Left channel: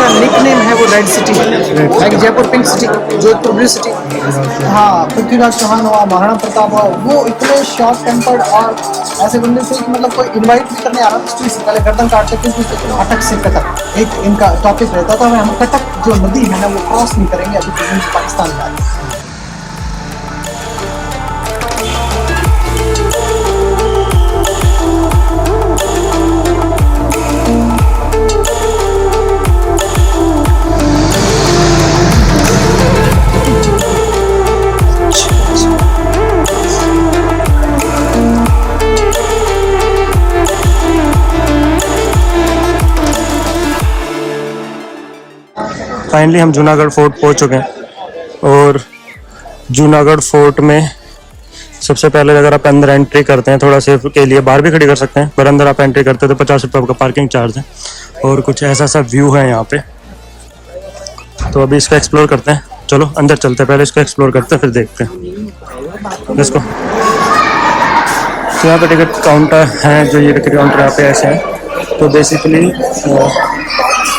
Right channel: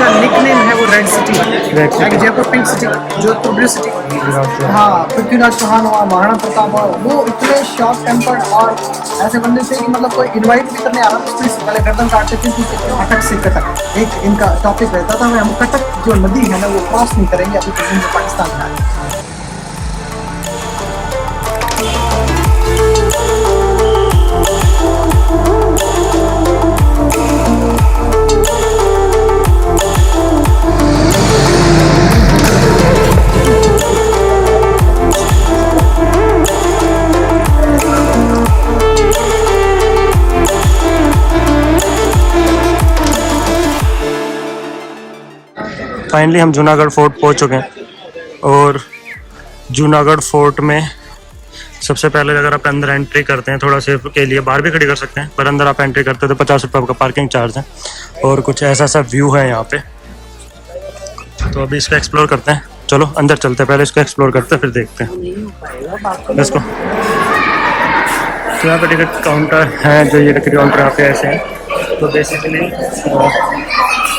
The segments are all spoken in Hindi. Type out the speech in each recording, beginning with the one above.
इसका निकनेम है वो रेड सिटी, एक Jaipur pink city, Jodhpur blue city. हाँ, पृथ्वीराज चौहान हुआ, महाराणा प्रताप हुआ, वो इतने शॉर्ट टेम्पर्ड और ऐसे बंदे थे कि मतलब कोई इनवाइट भी करने आ रहा था तो इससे पहले गर्दन काटते थे कि अटक से कटक एक इनका टॉपिक रहता था। हम कटक जो नदी है ना वो क्रॉस नहीं करेंगे अभी तक जो पाकिस्तान का है। फाइनली हम जूनागढ़ फोर्ट पहुंच चुके हैं और जूनागढ़ फोर्ट में सबसे पहले अगर आप अंदर एंट्री करते हैं थोड़ा सेफ के लिए बाहर भी खड़ी कर सकते हैं, पर अंदर आप एंट्री करते हैं तो 50 रुपये का पार्किंग चार्ज है और कुछ ऐसा सा व्यू है यहाँ पे। तो अभी इसका एक्सप्लोर करते हैं, चलो अंदर चलते हैं, पहले इसका एक्सप्लोर करते हैं फिर देखते हैं इसको। तो यहाँ पे टिकट काउंटर है, जो ये टिकट काउंटर यहाँ पे ऐसे हैं। तो बेसिकली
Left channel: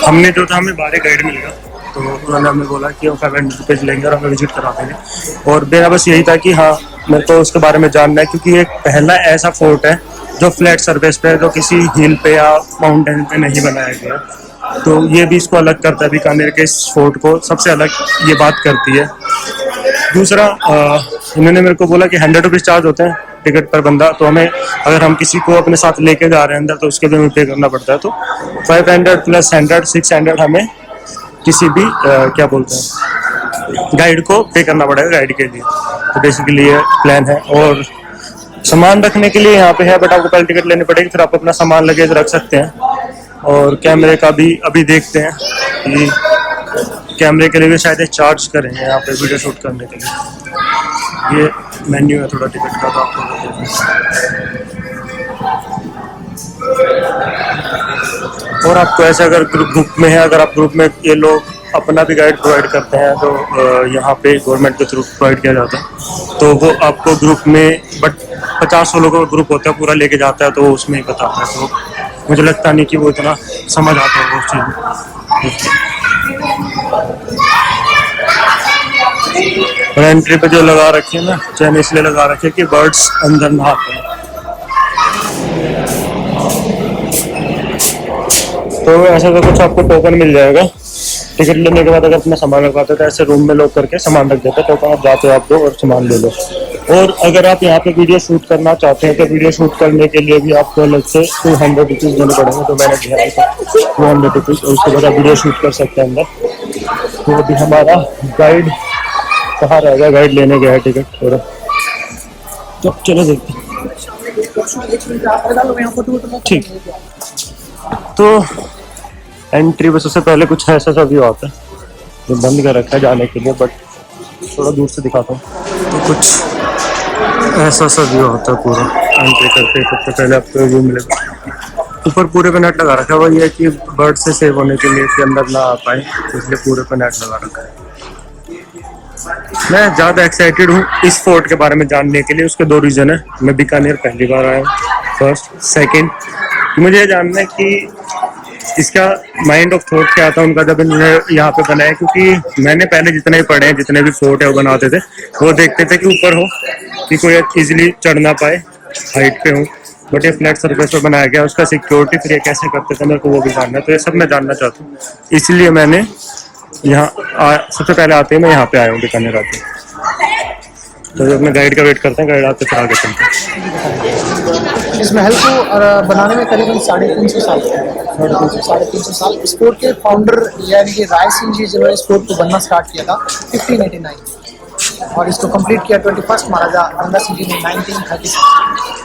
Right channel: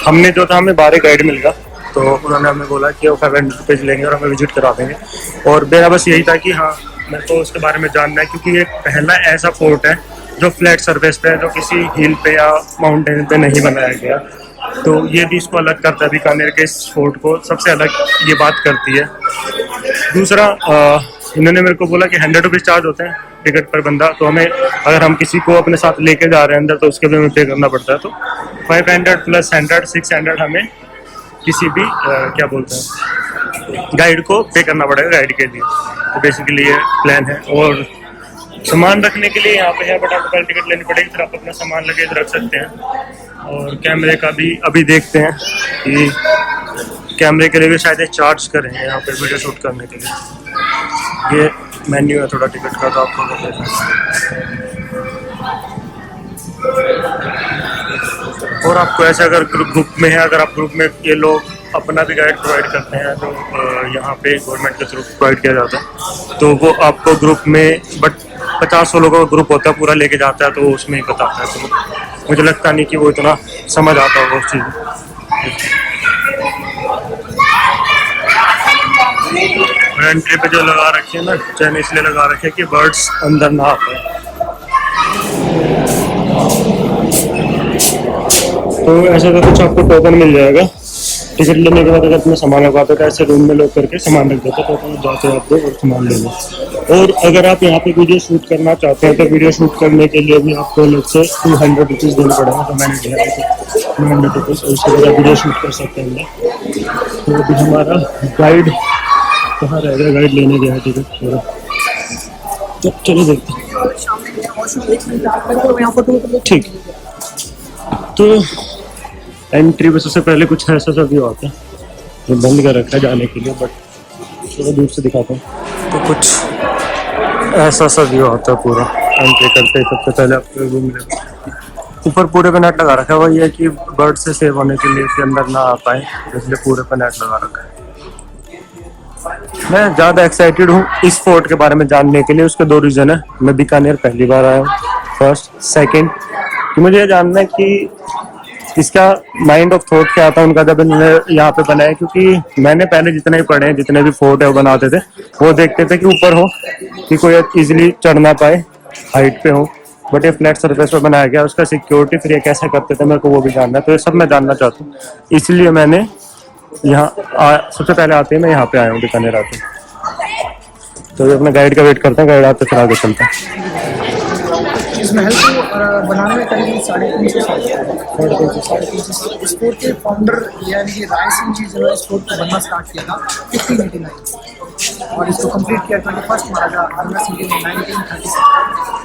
हमने जो था हमें बाहर गाइड मिल गया, तो उन्होंने हमें बोला कि वो 500 रुपीज़ लेंगे और हमें विजिट करा देंगे। और मेरा बस यही था कि हाँ मेरे को उसके बारे में जानना है, क्योंकि ये पहला ऐसा फोर्ट है जो फ्लैट सरफेस पे है, जो किसी हिल पे या माउंटेन पे नहीं बनाया गया। तो ये भी इसको अलग करता है, बीकानेर के इस फोर्ट को सबसे अलग ये बात करती है। दूसरा इन्होंने मेरे को बोला कि 100 रुपीज़ चार्ज होते हैं टिकट पर बंदा, तो हमें अगर हम किसी को अपने साथ लेके जा रहे हैं अंदर तो उसके भी हमें पे करना पड़ता है। तो 500 प्लस 100 600 हमें किसी भी क्या बोलते हैं गाइड को पे करना पड़ेगा गाइड के लिए। तो बेसिकली ये प्लान है। और सामान रखने के लिए यहाँ पे है, बट आपको पहले टिकट लेनी पड़ेगी, फिर आप अपना सामान लगेज रख सकते हैं। और कैमरे का भी अभी देखते हैं कि कैमरे के लिए भी शायद चार्ज करेंगे यहाँ पे वीडियो शूट करने के लिए। ये मेन्यू है थोड़ा टिकट का, तो आपको देखना है। और आपको ऐसे अगर ग्रुप में है, अगर आप ग्रुप में ये लोग अपना भी गाइड प्रोवाइड करते हैं, तो यहाँ पे गवर्नमेंट के थ्रू प्रोवाइड किया जाता है। तो वो आपको ग्रुप में, बट 50 लोगों का ग्रुप होता है, पूरा लेके जाता है, तो वो उसमें ही बताता है। तो मुझे लगता नहीं कि वो इतना समझ आता होगा उस चीज़। और एंट्री पे जो लगा रखी है ना, चैन इसलिए लगा रखी है कि बर्ड्स अंदर ना आ पाए। तो ऐसा तो कुछ आपको टोकन मिल जाएगा टिकट लेने के बाद। अगर अपना सामान रखवाते तो ऐसे रूम में लोग करके सामान रख देते, टोकन आप जाते हो आप दो और सामान ले लो। और अगर आप यहाँ पे वीडियो शूट करना चाहते हैं तो वीडियो शूट करने के लिए भी आपको अलग से 200 रुपीज़ देने पड़ेंगे, तो मैंने दिया है 200 रुपीज़, और उसके बाद आप वीडियो शूट कर सकते हैं अंदर। तो अभी हमारा गाइड कहाँ रहेगा, गाइड लेने गया है टिकट, और तो चलो देखते हैं। ठीक, तो एंट्री पे सबसे पहले कुछ ऐसा सा व्यू आता है जो बंद कर रखा है जाने के लिए, बट थोड़ा दूर से दिखाता हूँ। तो कुछ ऐसा सा व्यू आता है पूरा एंट्री करते ही। सबसे पहले आपको व्यू मिलेगा, ऊपर पूरे पे नेट लगा रखा है। वही है कि बर्ड से सेव होने के लिए कि अंदर ना आ पाए, तो इसलिए पूरे पे नेट लगा रखा है। मैं ज़्यादा एक्साइटेड हूँ इस फोर्ट के बारे में जानने के लिए। उसके 2 रीज़न है। मैं बीकानेर पहली बार आया हूँ, फर्स्ट। सेकेंड, मुझे ये जानना है कि इसका माइंड ऑफ थॉट क्या था उनका जब इन्होंने यहाँ पे बनाया, क्योंकि मैंने पहले जितने ही पढ़े हैं, जितने भी फोर्ट है वो बनाते थे, वो देखते थे कि ऊपर हो कि कोई इजीली चढ़ ना पाए, हाइट पे हो। बट ये फ्लैट सरफेस पे बनाया गया, उसका सिक्योरिटी फिर ये कैसे करते थे मेरे को वो भी जानना है। तो ये सब मैं जानना चाहता हूँ, इसलिए मैंने यहाँ सबसे पहले आते हैं मैं यहाँ पे आया हूँ बीकानेर आते। तो अपने गाइड का वेट करते हैं, गाइड आते फिर आगे चलते हैं। इस महल को बनाने में करीबन 350 साल 350 साल। इस फोर्ट के फाउंडर यानी कि राय सिंह जी जिन्होंने इस फोर्ट को बनना स्टार्ट किया था 1589, और इसको कंप्लीट किया 21 महाराजा गंगा सिंह जी ने 1930।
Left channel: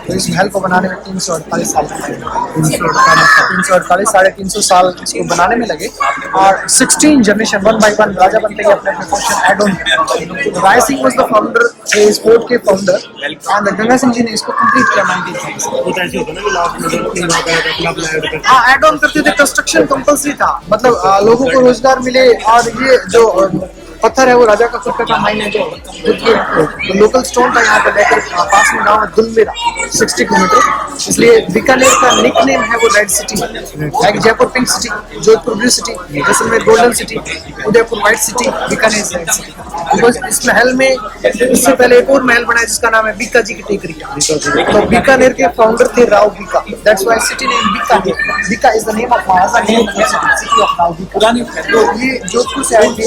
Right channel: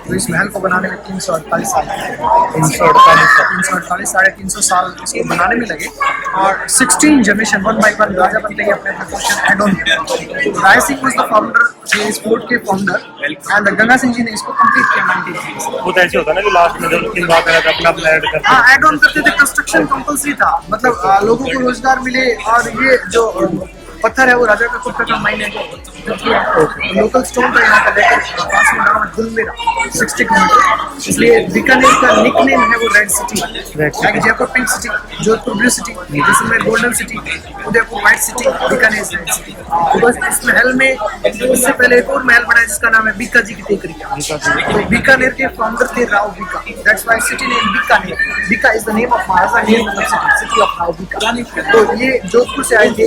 तो इस महल को बनाने में 348 साल 348 350 साल इसको बनाने में लगे। और 16 जनरेशन 1 by 1 राजा बनते गए, अपने पोर्शन ऐड ऑन किया। तो Rai Singh was the founder, इस फोर्ट के फाउंडर, एंड गंगा सिंह जी ने इसको कंप्लीट किया 1930। वो तो ऐसे होता है ना कि लास्ट में जब किंग आता है अपना अपना ऐड करते हैं। हाँ, ऐड ऑन करते थे। कंस्ट्रक्शन कंपल्सरी था, मतलब लोगों को रोजगार मिले। और ये जो पत्थर है वो राजा का खुद का माइन है जो लोकल स्टोन था यहाँ पर लेकर पास में गाँव है दुलमेरा 60 किलोमीटर, इसलिए बीकानेर का निक नेम है वो red city. Like Jaipur pink city, Jodhpur blue city, Jaisalmer golden city, Udaipur white city, Bikaner red city. Because इस महल में इससे पहले एक और महल बना है जिसका नाम है बीका जी की टेकरी। तो बीकानेर के फाउंडर थे Rao Bika, that's why city name Bikaner. Bika is the name of Maharaja name city of Rao Bika. तो ये जोधपुर से आए थे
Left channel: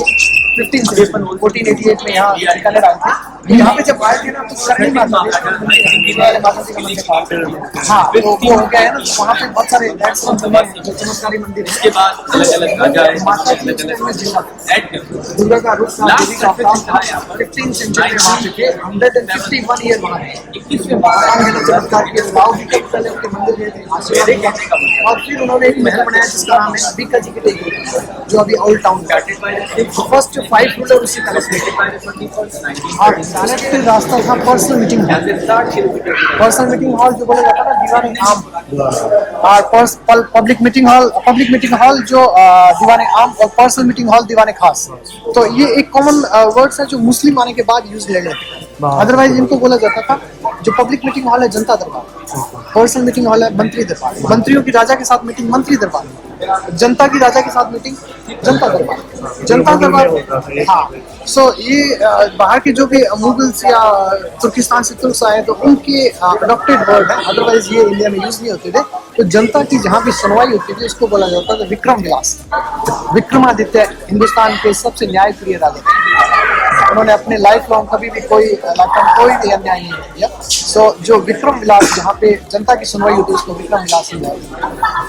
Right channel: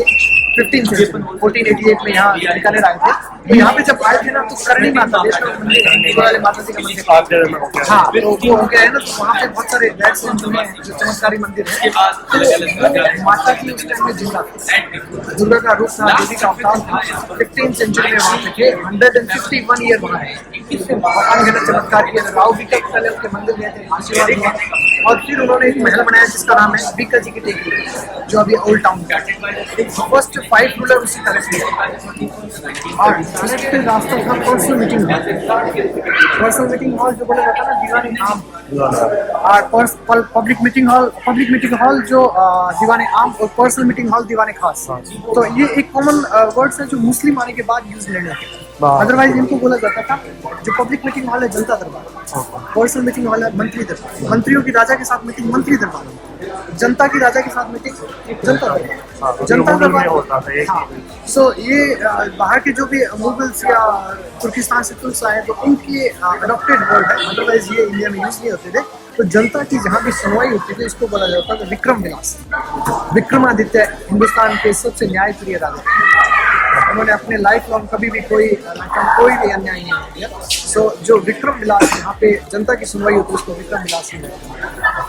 1488 में यहाँ बीकानेर आए थे। तो यहाँ पे जब आए थे ना तो करणी माता वाले माता जी का मंदिर, हाँ तो वो हो गया है ना, तो वहाँ पे बहुत सारे जो चमत्कारी मंदिर है। तो माता जी उस टाइम में दुर्गा का रूप था, देवी का अवतार था। 15th सेंचुरी में वहाँ पे थे, 151 ईयर वहाँ रहे, अनगिनत चमत्कार किए। राव बीका पहले उनके मंदिर गए थे, आशीर्वाद लिया, और फिर उन्होंने एक महल बनाया जिसका नाम है बीका जी की टेकरी, जो अभी ओल्ड टाउन है। फर्स्ट 5 रूलर उसी पैलेस में थे। और डायरेक्ट रास्ता था personal meeting hall. Personal meeting hall जो बोला जाता है ना दीवाने आम, और पब्लिक मीटिंग हॉल जो दीवाने आम, और पर्सनल मीटिंग हॉल दीवाने खास। तो ये एक कॉमन वर्ड्स है जो मुस्लिम आने के बाद यूज ले गए। अदरवाइज इनको बोला जाता था जो पब्लिक मीटिंग हॉल है जनता दरबार, पर्सनल मीटिंग हॉल है मंत्री दरबार, मंत्रियों की राजा के साथ मीटिंग मंत्री दरबार, जनता की राजा के साथ मीटिंग जनता दरबार, जनता दरबार। हाँ, सो ये बाहर के जो भी मुगल्स या तुर्किस्तान से तुर्क आए तो उनके अडॉप्टेड वर्ड है, अदरवाइज ये इंडिया में यूज नहीं होते थे। तो जनता की जहाँ भी सुनवाई होती थी इसको बोला जाता था विक्रम विलास। विक्रमादित्य हिंदुस्तान के सबसे न्यायप्रिय राजा, उन्होंने अपने लाइफ लॉन्ग कभी भी कोई भी अन्याय नहीं किया। सो जो विक्रम विलास जहाँ पे जनता की सुनवाई होती है उसको विक्रम विलास ही है।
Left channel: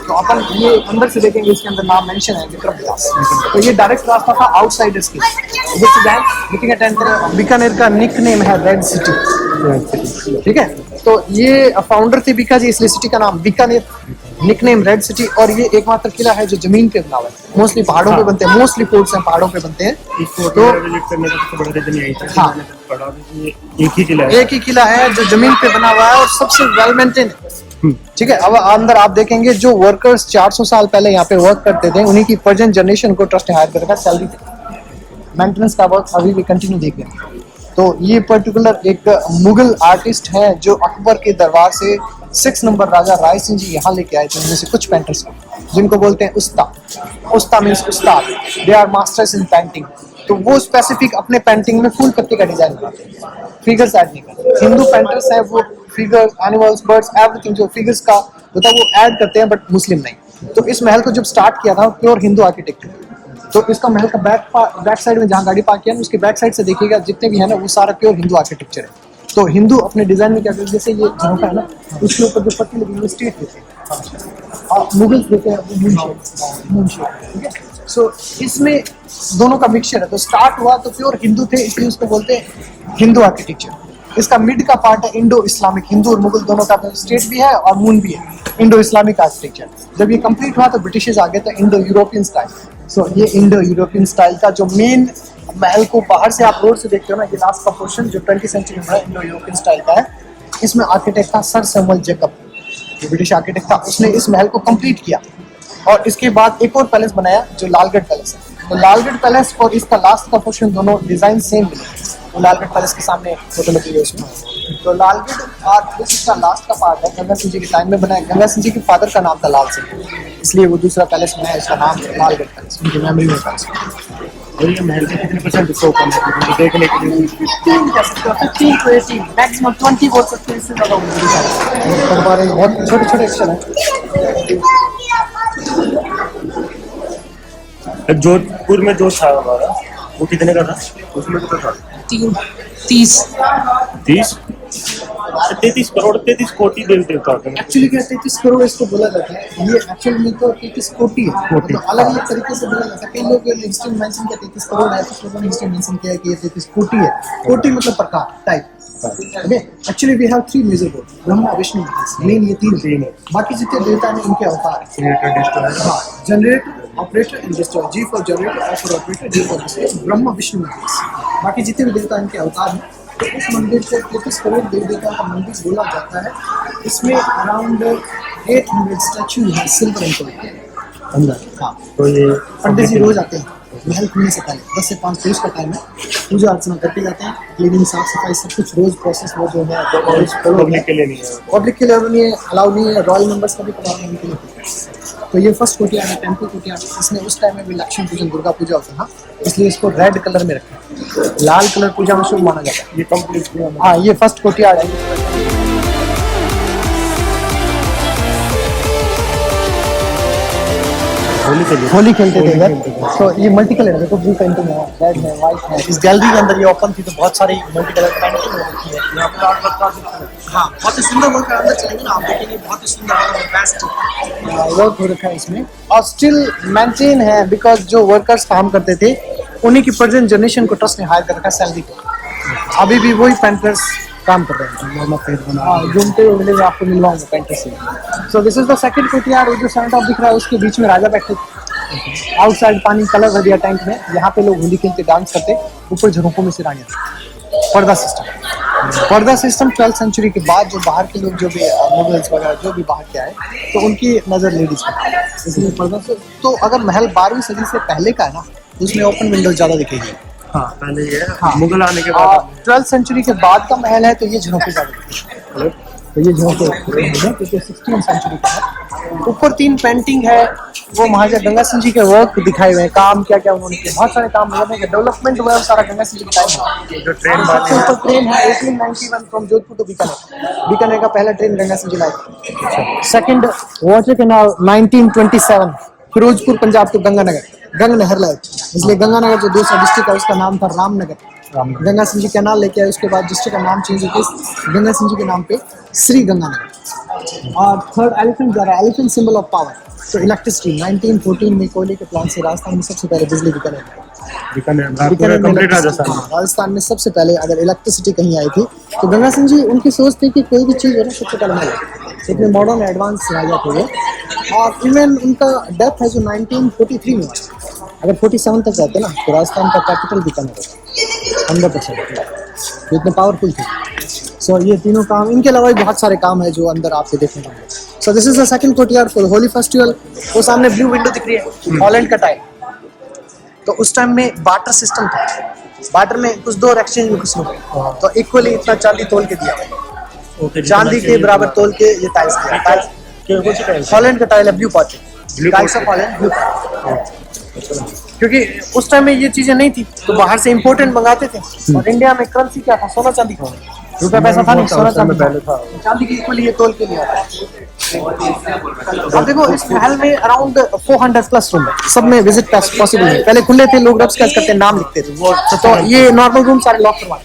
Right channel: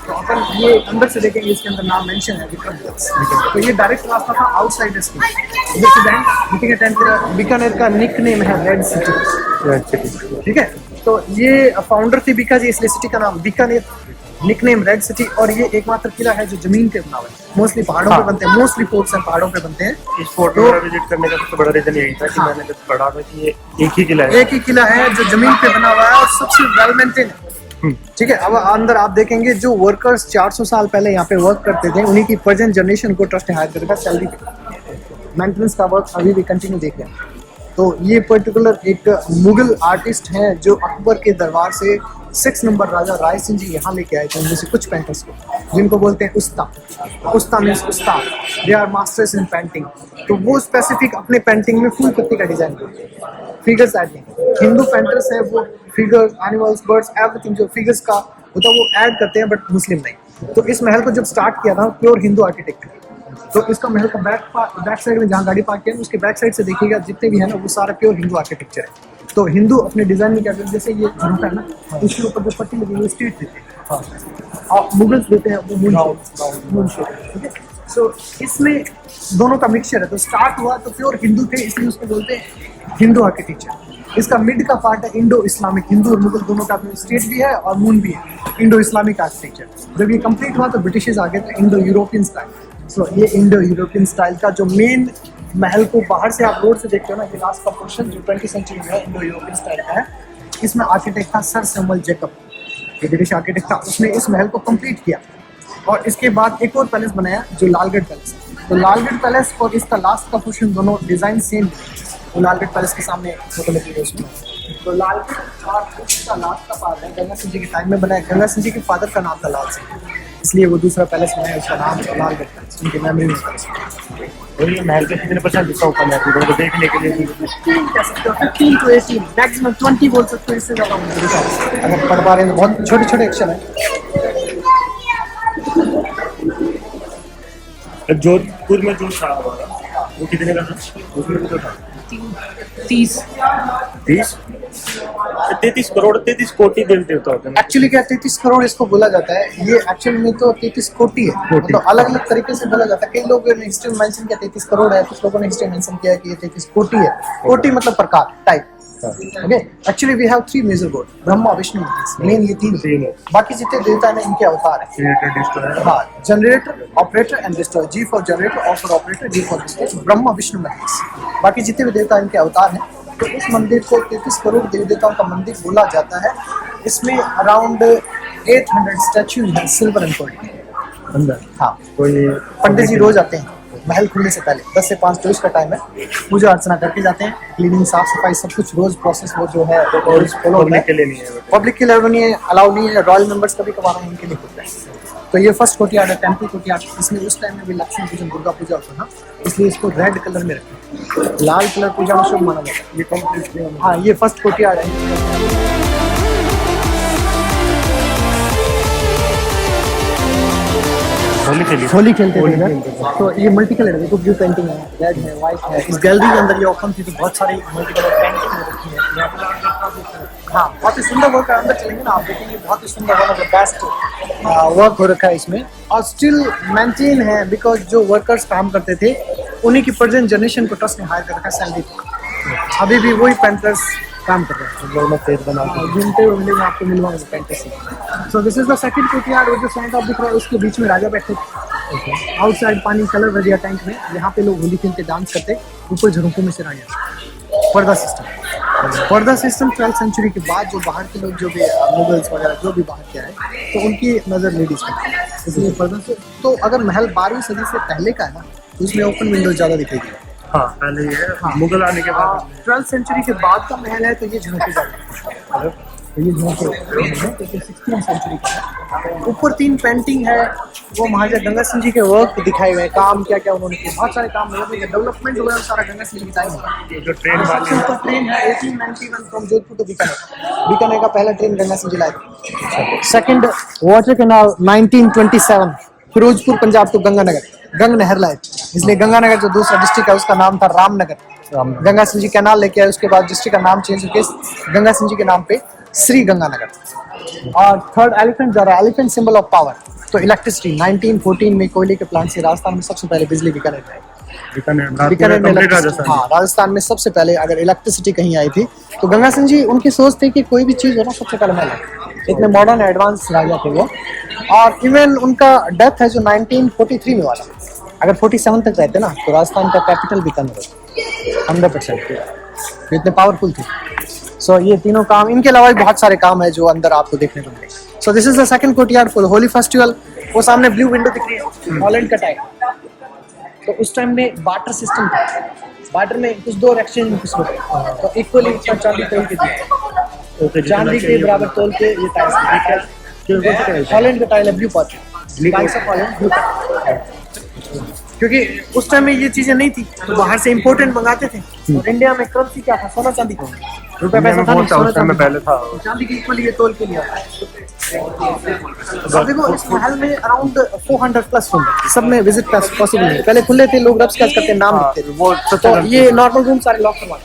तो अपन ये अंदर से देखेंगे, इसके अंदर नाम मेंशन है विक्रम विलास। तो ये डायरेक्ट रास्ता था आउटसाइडर्स के, उधर से जाएं, मीटिंग अटेंड करें। बीकानेर का निक नेम है रेड सिटी, ठीक है। तो ये फाउंडर थे बीका जी, इसलिए सिटी का नाम Bikaner, nickname red city. और ये एकमात्र किला है जो जमीन पे बना हुआ है, मोस्टली पहाड़ों पे बनते हैं, मोस्टली फोर्ट्स हैं पहाड़ों पे बनते हैं। इस फोर्ट को विजिट करने का सबसे बड़ा रीजन यही था कि मैंने जब पढ़ा था कि ये एक ही किला है जो जमीन पे बना हुआ है और सबसे वेल मेंटेन है, ठीक है। अब अंदर आप देखेंगे जो वर्कर्स 400 साल पहले यहाँ पे वर्क करते थे उन्हीं की प्रेजेंट जनरेशन को ट्रस्ट हायर करेगा सैलरी पे, मेंटेनेंस का वर्क अभी भी कंटिन्यू देख रहे हैं। तो ये पर्टिकुलर एक मुगल आर्टिस्ट हैं जो अकबर के दरबार से 6 नंबर राजा राय सिंह जी यहाँ लेके आए थे, उनमें से कुछ पेंटर्स को, जिनको बोलते हैं उस्ता मीन्स उस्ताद, they are masters in painting. तो वो स्पेसिफिक अपने पेंटिंग में फूल पत्ती का डिजाइन बनाते हैं, फिगर्स ऐड नहीं करते। हिंदू पेंटर्स हैं वो फिगर्स, एनिमल्स, बर्ड्स, एवरीथिंग जो फिगर्स का होता है वो ऐड करते हैं, बट मुस्लिम नहीं। तो इस महल को जब स्टार्ट किया था प्योर हिंदू आर्किटेक्चर। तो इसका महल का बैक साइड में जहाँ गाड़ी पार्क किया ना उसके बैक साइड से देखिएगा जितने भी है ना वो सारा प्योर हिंदू आर्किटेक्चर है। तो हिंदू अपने डिजाइन में क्या करते हैं, जैसे ये झरोखा है ना उसके ऊपर जो पट्टी लगी हुई है स्ट्रेट देते हैं, मुगल्स देते हैं वो मून शेप, ठीक है। सो इसमें दोनों का मिक्सचर है। तो स्टार्ट हुआ तो प्योर हिंदू थे, इसलिए उसको बोलते हैं हिंदू आर्किटेक्चर। इसका मिड का पार्ट है इंडो इस्लामिक, हिंदू और मुगल दोनों का स्टेट भी है और मून भी है, इंडो इस्लामिक आर्किटेक्चर। जब ये कंप्लीट हुआ तो ब्रिटिशर्स आ गए थे इंडो यूरोपियन स्टाइल। सो ये इंडो यूरोपियन स्टाइल का जो मेन महल को बाहर से आप रोड से देखते हो ना, ये लास्ट का पोर्शन जो 20वीं सेंचुरी में इंडो यूरोपियन स्टाइल का है, इसमें आर्किटेक्ट था सर सैमुअल जेकब, जो ब्रिटिश आर्किटेक्ट था, उसने इस महल को कंप्लीट किया। और इसके बाद एक और पैलेस बनाया जो लालगढ़ पैलेस है। तो लालगढ़ पैलेस और इसका लास्ट का पोर्शन दोनों डिजाइन सेम मिले। तो लालगढ़ पैलेस के सामने फोटो लगी है उसमें। तो लालगढ़ और इसका लास्ट का पार्ट है गंगा सिंह जी के टाइम में बनाया। गंगा सिंह जी के फादर का नाम था लाल सिंह, इसलिए वो दूसरा पैलेस बनाया, उसका नाम है लालगढ़ पैलेस, उनकी मेमोरी में पैलेस। और ये महल के कितने % हिस्सा ओपन है तो देखने के लिए? 15 कह सकते हो, 15 to 18, मैक्सिमम 20 बोल सकते हो, इससे ज्यादा होगा। छोटे छोटे एक्शन है। जोधपुर में जो था हमारा वो कितने का था? उसमें कितना था? 33 करोड़ 33 कोटि देवी देवता होते हैं। एक्चुअली क्या 33 करोड़ इसको बोला जाता है, ये एक्चुअली में तो 33 कोटि है। तो अलग अलग तरीके से बोला जाता है। कई लोगों ने हिस्ट्री में मेंशन किया 33 करोड़ है, कुछ लोगों ने हिस्ट्री में मेंशन किया कि ये 33 कोटि है। कोटि मतलब प्रकार, type. Okay, actually we have 3 major god, Brahma Vishnu Mahesh, main ये तीन है। बाकी जितने देवता हैं इनके अवतार है। हाँ, generator, operator and destroyer. G for generator, O for operator, D for destroyer, Brahma Vishnu Mahesh. बाकी जितने भी देवता इनके अवतार हैं। तो इस मंदिर को 33 करोड़ देवी देवताओं का मंदिर बोला जाता है। इसमें अराउंड 800 स्टैच्यू है सिल्वर एंड गोल्ड के अंदर। हाँ, तो ये पंडित जी रोज आते हैं महल खुलने से पहले 10 से 5 पुरुष का टाइम है, पूजा अर्चना करके जाते हैं, क्लीनिंग साफ सफाई सब कुछ रोज प्रोसेस वो जो है पब्लिक के लिए नहीं है। पब्लिक के लिए नहीं है, अलाउ नहीं है, रॉयल मेंबर्स कभी कभार हैं उनके लिए होता है। तो ये फर्स्ट कोर्टयार्ड है, टेम्पल कोर्टयार्ड, इसमें उस टाइम में भी लक्ष्मी पूजन दुर्गा पूजा होता था, इसलिए इसको रेड कलर में रखा, लाल कलर पूजा में शुभ माना जाता है। ये कंप्लीट हाँ, ये फर्स्ट कोर्टयार्ड है। होली खेलते थे इधर। तो ये मल्टी कलर है, देखो ब्लू पेंटिंग है, रेड है, व्हाइट है। इस गैलरी के अंदर ये ओपन थी तो बहुत सारी मल्टी कलर पेंटिंग हो रखी है। हाँ, बहुत ही सुंदर वर्क है, अंदर चलेंगे ना आप देखेंगे, बहुत ही सुंदर, one of the best work हो रखा है इसमें, और स्टिल मेंटेन है बिकॉज जो वर्कर्स काम करते थे उन्हीं की प्रेजेंट जनरेशन को ट्रस्ट ने हायर कर रखा है सैलरी पे। अभी भी वही पेंटर्स काम कर रहे हैं, दोनों पेज बना घूमते हुए मिलेंगे आपको, मिलवाऊंगा पेंटर से। So this is the second courtyard, वो जो सेंटर ऑफ दिख रहा है उसके बीच में राजा बैठे थे। आउटसाइड पानी कलर भर दिया टैंक में, यहाँ पे लोग होली खेलते डांस करते, ऊपर झरोकों में से रानियां। पर्दा सिस्टम 12th सेंचुरी के बाद जो बाहर के लोग जो भी मुगल्स वगैरह जो भी बाहर के आए तो उनकी नज़र लेडीज पर, इसलिए पर्दा से। तो अगर महल 12वीं सदी से पहले का है ना तो उसमें ओपन विंडो ज़्यादा दिखेगी। हाँ, पहले ये मुगल आने के बाद 12th सेंचुरी के बाद का महल है तो ये झरोखे ज़्यादा, तो ये झरोखे क्योंकि 16th सेंचुरी का है। ऊपर 3 पेंटिंग है, वो महाराजा गंगा सिंह जी के वर्क दिखाए हुए हैं, काम क्या क्या उन्होंने किया, बहुत सारे काम डेवलपमेंट हुआ है, सारा गंगा सिंह जी के टाइम में। सबसे ऊपर ट्रेन है 1891 फ्रॉम जोधपुर टू बीकानेर का पहला ट्रेन गंगा सिंह जी लाए। Second water canal 1927 Firozpur Punjab to Ganganagar, Gang नहर लाए, इसलिए गंगानगर जो दूसरा डिस्ट्रिक्ट है उसका नाम था रामनगर। गंगा सिंह जी कैनाल लेके आए, उसके बाद डिस्ट्रिक्ट का नाम चेंज होकर गंगा सिंह जी के नाम पे श्री गंगानगर। और थर्ड एलिफेंट जा रहा है, एलिफेंट सिंबल ऑफ पावर। तो इलेक्ट्रिसिटी 1914 में कोयले के प्लांट से राजस्थान में सबसे पहले बिजली बीकानेर में, हाँ, राजस्थान में सबसे पहले अगर इलेक्ट्रिसिटी कहीं आई थी तो गंगा सिंह जी, उनकी सोच थी कि कोई भी चीज़ हो ना सबसे पहले महल, इतने मॉडर्न एडवांस राजा थे वो। और इवन उनका डेथ है जो 1943 में हुआ था, अगर 47 तक रहते ना तो राजस्थान का कैपिटल बीकानेर होता 100%, इतने पावरफुल थे। सो ये तीनों काम, इनके अलावा भी बहुत सारे काम है जो अंदर आपको देखने को मिलेंगे। So this is the second courtyard for Holi festival. वो सामने ब्लू विंडो दिख रही है, हॉलैंड का टाइल। तो उस टाइम में बार्टर सिस्टम था, बार्टर में कुछ दो एक्सचेंज में कुछ लोग, तो इक्वली इतना चांदी तोल के दिया, चांदी के बराबर तोल के ये टाइल, हॉलैंड का टाइल है, ब्लू पॉट, क्योंकि उस टाइम में ये चीजें नहीं थी तो बाहर से इम्पोर्टेंट मंगाते थे। और इंडिया में करेंसी क्या था, सोना चांदी का, रुपया पैसा था नहीं, सोना चांदी था, चांदी की इक्वली ये तोल के लिया। अब देखो इस महल में अराउंड 400 प्लस रूम है, सब में विजिट पॉसिबल है। पहले खुले थे, लोग रब स्केच करते नाम लिखते थे, वो तो ये नॉर्मल रूम सारे लॉक करवा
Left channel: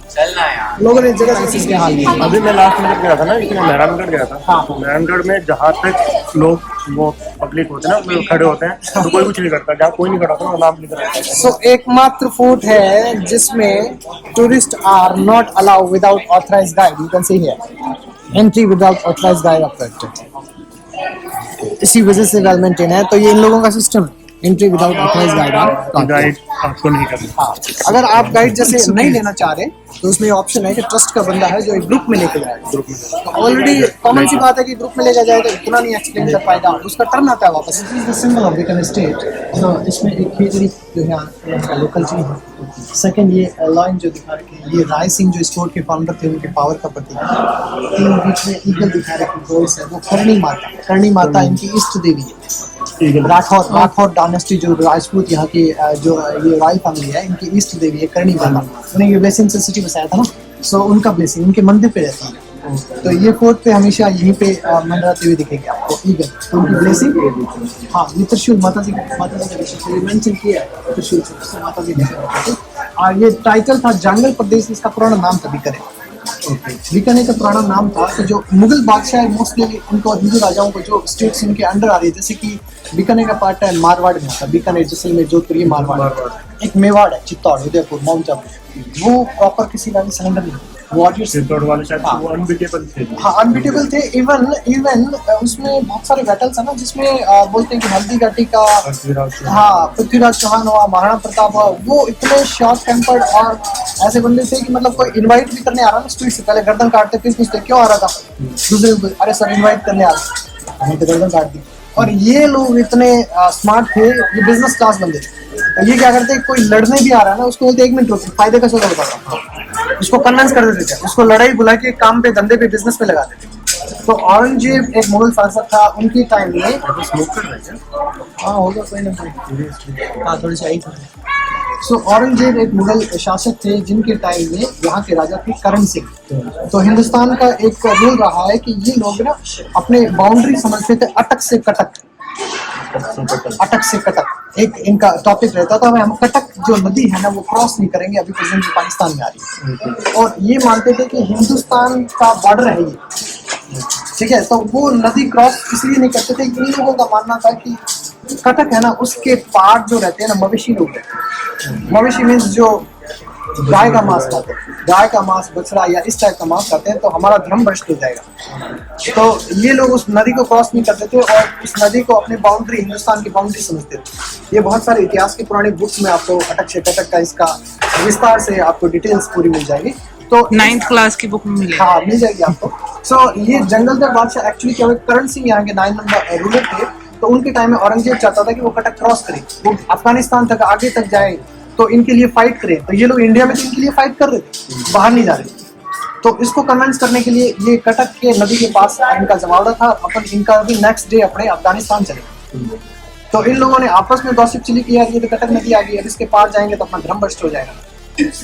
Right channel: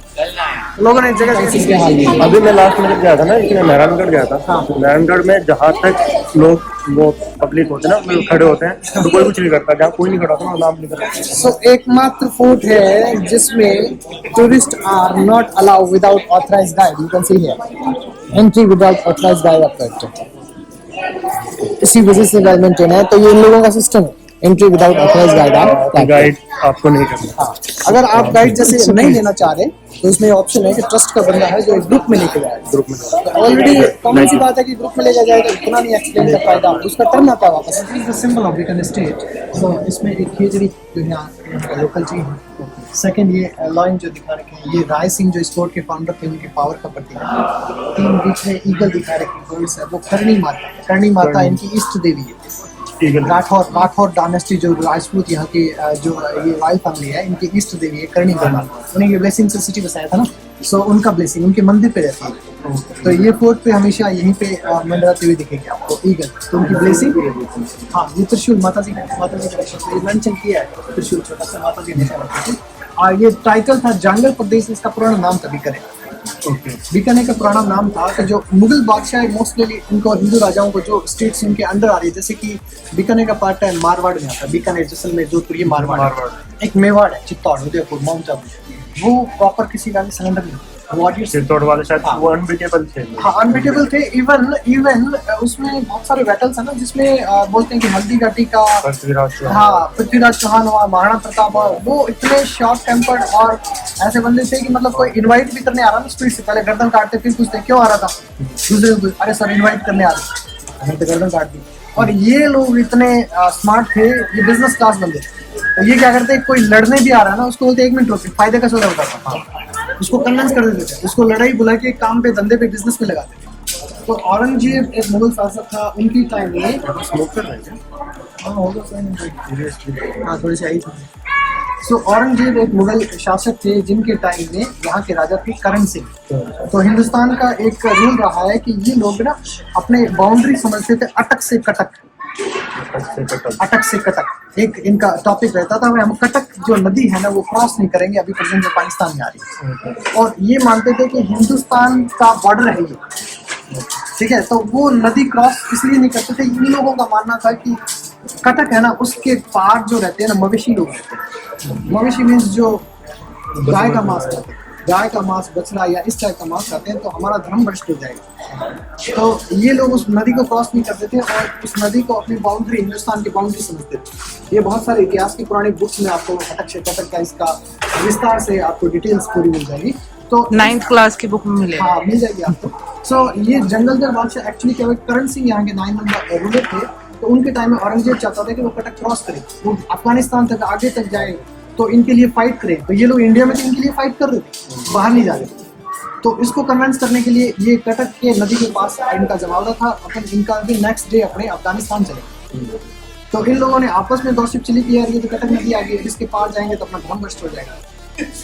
लोगों ने इस जगह इसके हाल में। अभी मैं लास्ट में गया था ना, इसमें नारायणगढ़ गया था। हाँ, नारायणगढ़ में जहाँ तक लोग वो पब्लिक होते हैं ना, खड़े होते हैं तो कोई कुछ नहीं करता, जहाँ कोई नहीं खड़ा होता ना नाम लिख रहा है। सो एकमात्र फोर्ट है जिसमें tourist are not allowed without authorised guide, you can see here entry without authorised guide up, इसी वजह से वेल मेंटेन है। तो ये इन लोगों का सिस्टम है, एंट्री विदाउट ऑथराइज्ड गाइड आपको नहीं करना। हाँ, अगर आप गाइड जैसे नहीं लेना चाह रहे तो उसमें ऑप्शन है कि ट्रस्ट का बंदा है जो एक ग्रुप में लेके जाए, ग्रुप में। तो ऑलरेडी कॉमन सी बात है कि ग्रुप में लेके जाए तो इतना नहीं एक्सप्लेन कर पाएगा, उसका टर्न आता है वापस। This is the symbol of Bikaner state. तो इसमें एक खेजड़ी जो है यहाँ का लोकल चीज है। सेकंड ये लॉइन जो दिखा रखे हैं, ये राय सिंह जो स्टोर के फाउंडर थे, उनके पावर का प्रतीक है। तीन बीच में ईगल दिखा रखी, गोल्स है, वो करणी माता इनकी इष्ट देवी है। राठौर डायनेस्टी जो राजपूत यहाँ की जो ये रॉयल फैमिली है, इनकी ईस्ट देवी है करणी माता, उन्हें ये ब्लेसिंग से सिटी बसाया था ना, सो उनका ब्लेसिंग उनके मंदिर पे रहती है। तो ये फोर्ट पे हमेशा यहीं पे मंडराते हुए दिखेंगे आपको ईगल, तो उनकी ब्लेसिंग। हाँ, ये त्रिशूल माता जी का मेंशन किया है, त्रिशूल छोटा सा माता जी दिखा। और ये टाइटल था जंगल प्रदेश, इसका पुराना नाम था बीकानेर। बीकानेर का पुराना नाम था कि जो मुगल बादशाह मोस्टली उनको हिंदू राजाओं को जो स्टेट्स उनके अंडर आ रही है, जैसे कि बीकानेर का पार्ट है मारवाड़ में आता है, बीकानेर जैसलमेर जोधपुर ये मारवाड़। एक मेवाड़ है, चित्तौड़, उदयपुर, माउंट आबू, वो प्रॉपर किसी का सरेंडर नहीं, चित्तौड़ वाले शायद वो अनबीटेबल थे। हाँ, अनबीटेबल थे। इवन उसमें बहुत सारे बैटल्स है ना जिसमें बोलते हैं कि हल्दी घाटी का पृथ्वीराज चौहान हुआ, महाराणा प्रताप हुआ, वो इतने शॉर्ट टेम्पर्ड और ऐसे बंदे थे कि मतलब कोई इनवाइट भी करने आ रहा ना स्ट्रीट से, पहले गर्दन काटते फिर पूछते क्यों आ रहा था, दूसरे अरे सर इनवाइट करने आ रहे, हमें तो गर्दन काट दी। और ये लोग इतने स्मार्ट थे, ये बिजनेस क्लास बंदे थे। तो ये क्या करते, कोई लड़ने भी आ रहा है ना, उसको बोलते 1 मिनट रुको, फायदे का सौदा बताता हूं, उसको कन्विंस कर देते थे, उसको लड़ाई बुला के काम पे, धंधे पे, बिजनेस पे लगा देते। तो औरंगजेब एक मुगल शासक था, उनकी टाइम में स्मोक कर रहा है क्या? हाँ होगा कोई ना कोई, हाँ थोड़ी सी आई थी। सो औरंगजेब एक मुगल शासक थे जिनके टाइम में यहाँ के राजा थे करण सिंह। तो हिंदुस्तान का एक रूल रहा है कि ये लोग ना अपने बाउंड्री समझते थे अटक से कटक, अटक से कटक एक इनका टॉपिक रहता था। हम कटक जो नदी है ना वो क्रॉस नहीं करेंगे, अभी प्रेजेंट जो पाकिस्तान में आ रही है। और ये मानते थे कि हिंदुस्तान का बॉर्डर है ये, ठीक है। तो वो नदी क्रॉस इसलिए नहीं करते थे, इन लोगों का मानना था कि कटक है ना उसके पार जो रहते हैं ना मवेशी लोग रहते हैं। मवेशी मीन्स जो गाय का मांस खाते हैं, गाय का मांस, बछड़ा या इस टाइप का मांस खाते हैं, तो हमारा धर्म भ्रष्ट हो जाएगा। तो ये लोग उस नदी को क्रॉस नहीं करते थे और उस नदी को अपनी बाउंड्री, हिंदुस्तान की बाउंड्री समझते थे। ये बहुत सारे इतिहास की पुरानी बुक्स में आपको अटक से कटक का इसका विस्तार से आपको डिटेल्स पूरी मिल जाएगी। तो 9th क्लास की बुक में मिलेगा। हाँ मिल जाएगी आपको। सो ये जंगलदर बादशाह एक्चुअली क्या हुआ, करण सिंह यहाँ के 9 नंबर रूलर थे। तो उनके टाइम में औरंगजेब चाहता था कि वो कटक क्रॉस करे, वो अफगानिस्तान तक आगे तक जाए, तो इनके लिए फाइट करें। तो ये लोग इंडिया में तो इनके लिए फाइट कर रहे थे, बाहर नहीं जा रहे थे। तो इसको कन्विंस करने के लिए ये कटक के नदी के पास इनका जमावड़ा था। अपन इनका भी नेक्स्ट डे अपने अफगानिस्तान चले। तो इन लोगों ने आपस में गॉसिप चली कि यार ये तो कटक नदी आ गई, अब इसके पार जाएंगे तो अपना धर्म भ्रष्ट हो जाएगा।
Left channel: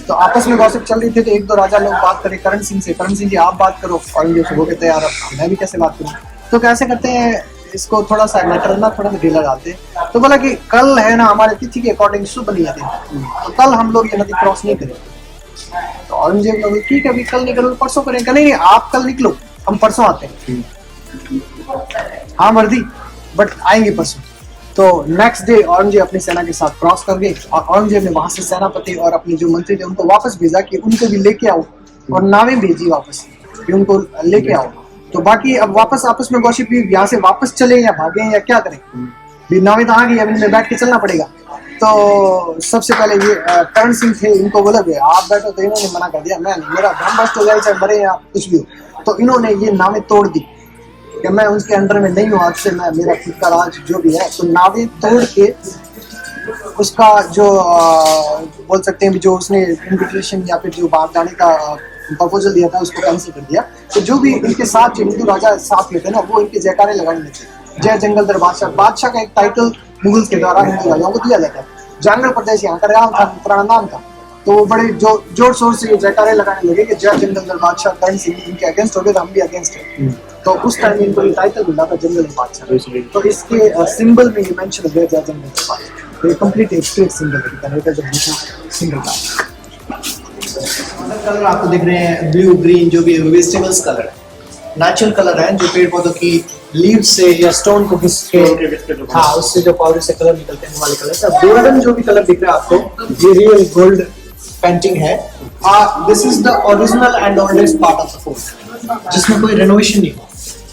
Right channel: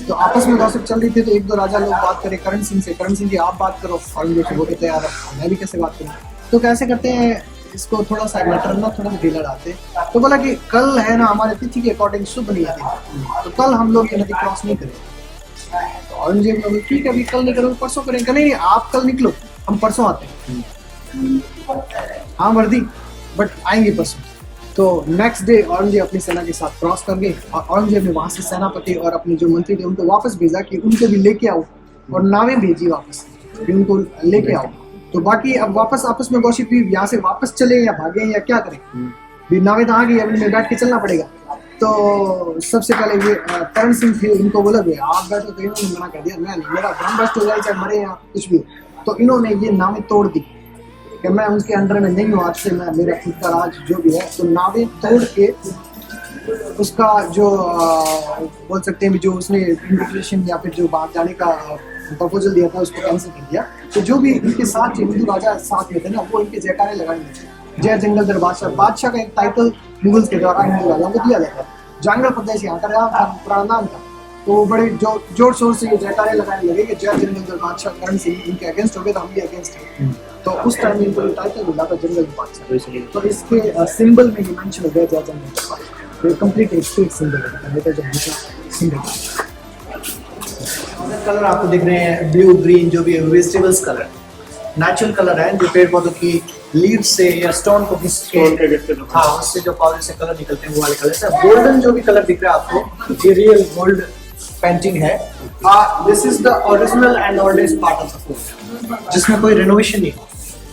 तो आपस में गॉसिप चल रही थी। तो 1-2 राजा लोग बात करे करण सिंह से, करण सिंह जी आप बात करो। औरंगजेब से वो कहते हैं यार मैं भी कैसे बात करूँ। तो कैसे करते हैं इसको, थोड़ा सा मैटर ना थोड़ा सा ढीला डालते। तो बोला कि कल है ना हमारे तिथि के अकॉर्डिंग शुभ नहीं आती, तो कल हम लोग ये नदी क्रॉस नहीं करेंगे। तो औरंगजेब ने बोला ठीक है अभी कल नहीं करो, परसों करेंगे। नहीं आप कल निकलो, हम परसों आते हैं। हाँ मर्दी, बट आएंगे परसों। तो नेक्स्ट डे औरंगजेब अपनी सेना के साथ क्रॉस कर गए और औरंगजेब ने वहां से सेनापति और अपने जो मंत्री थे उनको वापस भेजा कि उनको भी लेके आओ, और नावें भेजी वापस कि उनको लेके आओ। तो बाकी अब वापस आपस में गॉसिप भी, यहाँ से वापस चले या भागे या क्या करें, भी नावें तो आ गई, अब इनमें बैठ के चलना पड़ेगा। तो सबसे पहले ये करण सिंह थे, इनको बोला गया आप बैठो। तो इन्होंने मना कर दिया, मैं नहीं, मेरा धर्म भ्रष्ट हो जाए चाहे मरे या कुछ भी हो। तो इन्होंने ये नावें तोड़ दी कि मैं उनके अंडर में नहीं हूँ, आज से मैं, मेरा खुद का राज जो भी है। तो नावें तोड़ के उसका जो बोल सकते हैं जो उसने इन्विटेशन या फिर जो बाहर जाने का प्रपोजल दिया था उसको कैंसिल कर दिया। तो जो भी इनके साथ जो हिंदू राजा साथ में थे ना वो इनके जयकारे लगाने लगे, जय जंगलदर बादशाह। बादशाह का एक टाइटल मुगल्स के द्वारा हिंदू राजाओं को दिया जाता। जंगल प्रदेश यहाँ का था, पुराना नाम था। तो वो बड़े जोर शोर से ये जयकारे लगाने लगे कि जय जंगलदर बादशाह। करण सिंह इनके अगेंस्ट हो गए तो हम भी अगेंस्ट हैं। तो उस टाइम इनको ये टाइटल मिला था जंगलदर बादशाह। तो इसके सिंबल में ये मेंशन हो गया जय जंगलदर बादशाह। तो ये कंप्लीट एक स्टेट सिंबल है, सिंबल कलर आपको दिख रहे हैं ब्लू ग्रीन, जो भी वेजिटेबल्स कलर, नेचुरल कलर है जो पेड़ पौधों की लीव से या स्टोन को घिस के, हाँ उससे जो पाउडर से कलर निकलते हैं वो वाले कलर है। गोल्डन जो भी कलर दिख रहा है आपको, ये रियल गोल्ड पेंटिंग है। This is the original and oldest part of the fort, जिसमें कोई रेनोवेशन नहीं हुआ।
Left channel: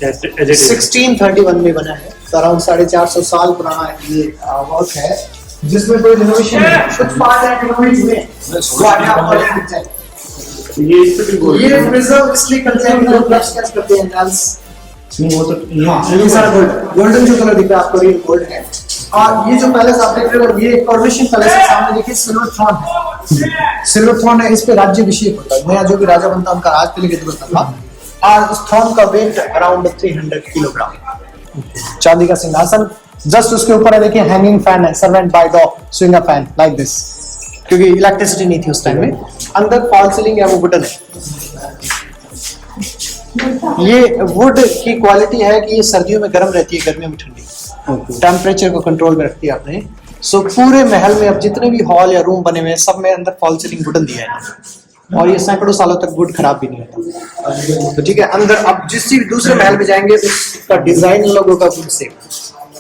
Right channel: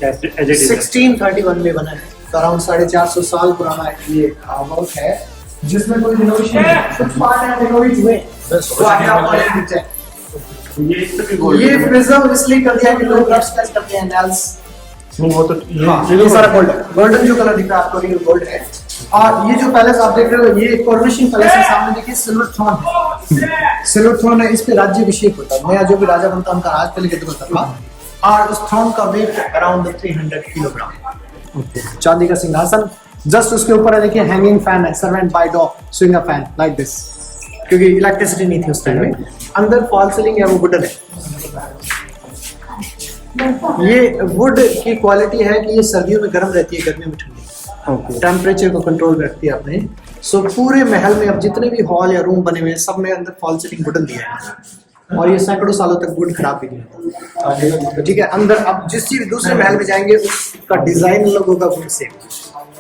1631 में बना है, तो अराउंड 450 साल पुराना ये वर्क है, जिसमें कोई रेनोवेशन नहीं है। कुछ पार्ट है रेनोवेट हुए, ये प्रिजर्व इसलिए करते हैं कि लोग ब्रश कैसे करते हैं नेल्स। ये सारा गोल्ड, गोल्डन जो कलर दिख रहा है आपको रियल गोल्ड है। और ये जो पैलेस आप देख रहे हो ये कोरोनेशन पैलेस है। सामने देखिए सिल्वर थ्रोन है, सिल्वर थ्रोन है, इस पे राज्याभिषेक होता है। नया जो भी राजा बनता है उनका राज तिलक होता था। और उस थ्रोन का वेट अराउंड 300 किलोग्राम, चांदी का सिंहासन। जस्ट उसके ऊपर है देखिए हैंगिंग फैन है, servant by the swinger fan like this, क्योंकि इलेक्ट्रिसिटी नहीं थी उस टाइम में। अंदर फॉल सीलिंग है, वो वुडन है। ये वुड की क्वालिटी है कि ये सर्दियों में गर्म रहती है, गर्मियों में ठंडी। टेम्परेचर को कंट्रोल में रखती है आपने। सो पूरे महल में अब जितने भी हॉल या रूम बने हुए हैं सब में अंदर फॉल सीलिंग वुडन दिया है, और ये सैकड़ों सालों तक वुड खराब भी नहीं होता। तो ठीक है, अंदर अब जिस दूसरे महल में जाएंगे उसका डिजाइन लोगों का वुड से।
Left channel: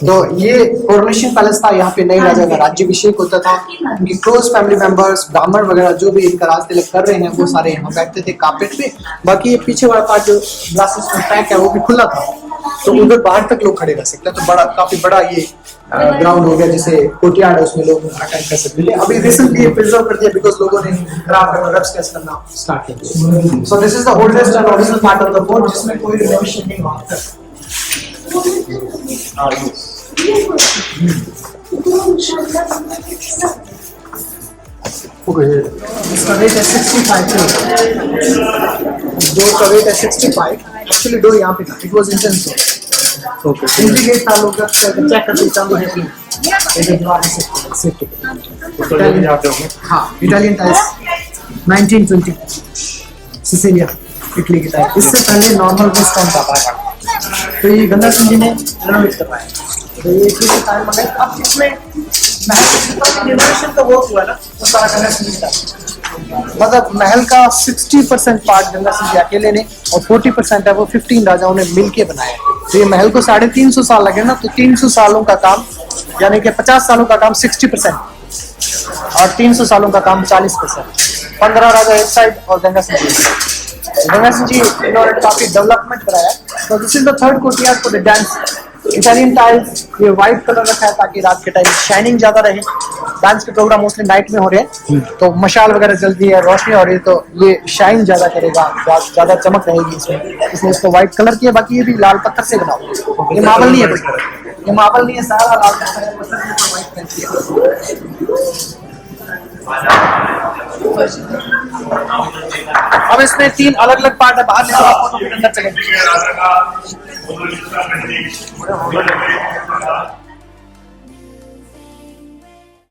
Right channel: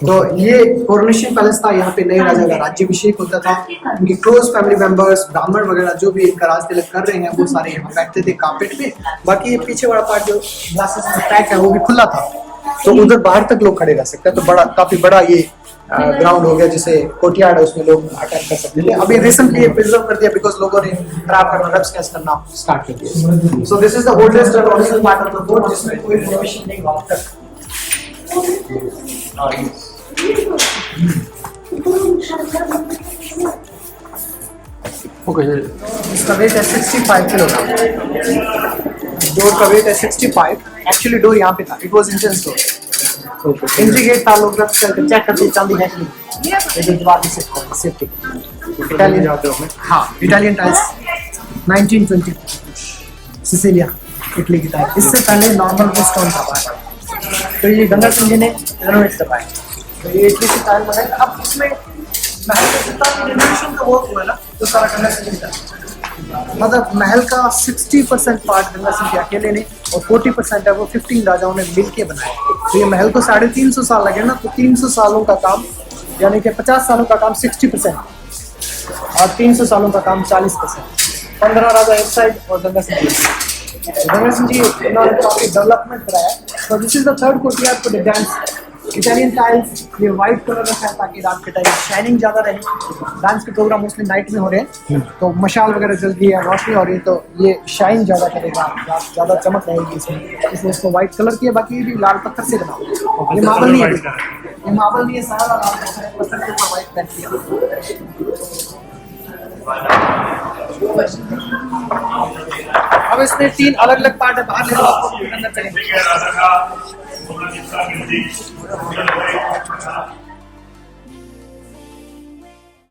तो ये कोरोनेशन पैलेस था, यहाँ पे नए राजा का राज्याभिषेक होता था। उनकी क्लोज फैमिली मेंबर्स, ब्राह्मण वगैरह जो भी इनका राज तिलक कर रहे हैं वो सारे यहाँ बैठते थे कार्पेट पे। बाकी ये पीछे वाला पार्ट जो ग्लासेस में पैक है वो भी खुला था, तो उधर बाहर तक लोग खड़े रह सकते हैं। तो बड़ा, काफी बड़ा ये ग्राउंड हो गया, जिसे कोर्टयार्ड है, उसमें लोग अटेंड कर सकते हैं। अभी रिसेंटली ये प्रिजर्व कर दिया बिकॉज लोगों ने रब्स कैसे करना स्टार्ट कर दिया। So this is the oldest and original part of the fort, जिसमें कोई रिनोवेशन नहीं हुआ अब तक। इसका वेट है 65 किलो। डोर का वेट है 65। एक्चुअली डोर यहाँ पे था, it was intense door. Okay, entry gate था, लोग चेक करते चांदी है कि ये जवाब दे सकते हैं सेफ्टी। इटालियन जाते हो? हाँ, इटालियन टाइल्स 1920 सिसिलिया, इटली की टाइल। इससे पहले नॉर्मल वो स्टोन था बाहर, तो ये गंगा सिंह जी ने रेनोवेट करवाया, तो ये इटली की टाइल मंगाई। अब इसमें महल का जितना भी रिनोवेशन का वर्क हुआ ना, तो सारा गंगा सिंह जी का, मतलब महल का 60% पार्ट गंगा सिंह जी अकेले ने, और 40% है वो 15 राजाओं ने मिलके बनाया। तो ये महल को 350 साल लगे ना, तो 300 सालों का काम, यानी कि 50 सालों का काम 60% और 300 सालों का काम 40%। 15 राजा एक साइड और गंगा सिंह जी। गंगा सिंह जी इन्होंने काफी डेवलपमेंट कराया। तो this is the third courtyard for the dance. Italian tiles, ये व्हाइट कलर रखा है ताकि रात के टाइम शाइनिंग ज्यादा रहे। डांस के प्रोग्राम मोस्टली नाइट में हो रहे हैं, तो मशाल वगैरह जलती है, रोशनी हो रही है, तो ये शाइन ज्यादा करेगा, ज्यादा चमक रहेगी इसमें, इसलिए इसको व्हाइट कलर किया। बाकी ये भी लाल पत्थर से बना हुआ, ये मार्बल नहीं है, ये मार्बल नहीं है, सारा लाल पत्थर है, पत्थर के ऊपर व्हाइट पेंट किया। अब इसमें 3 अलग अलग पार्ट है, बाहर ले आपको अंदर चलेंगे।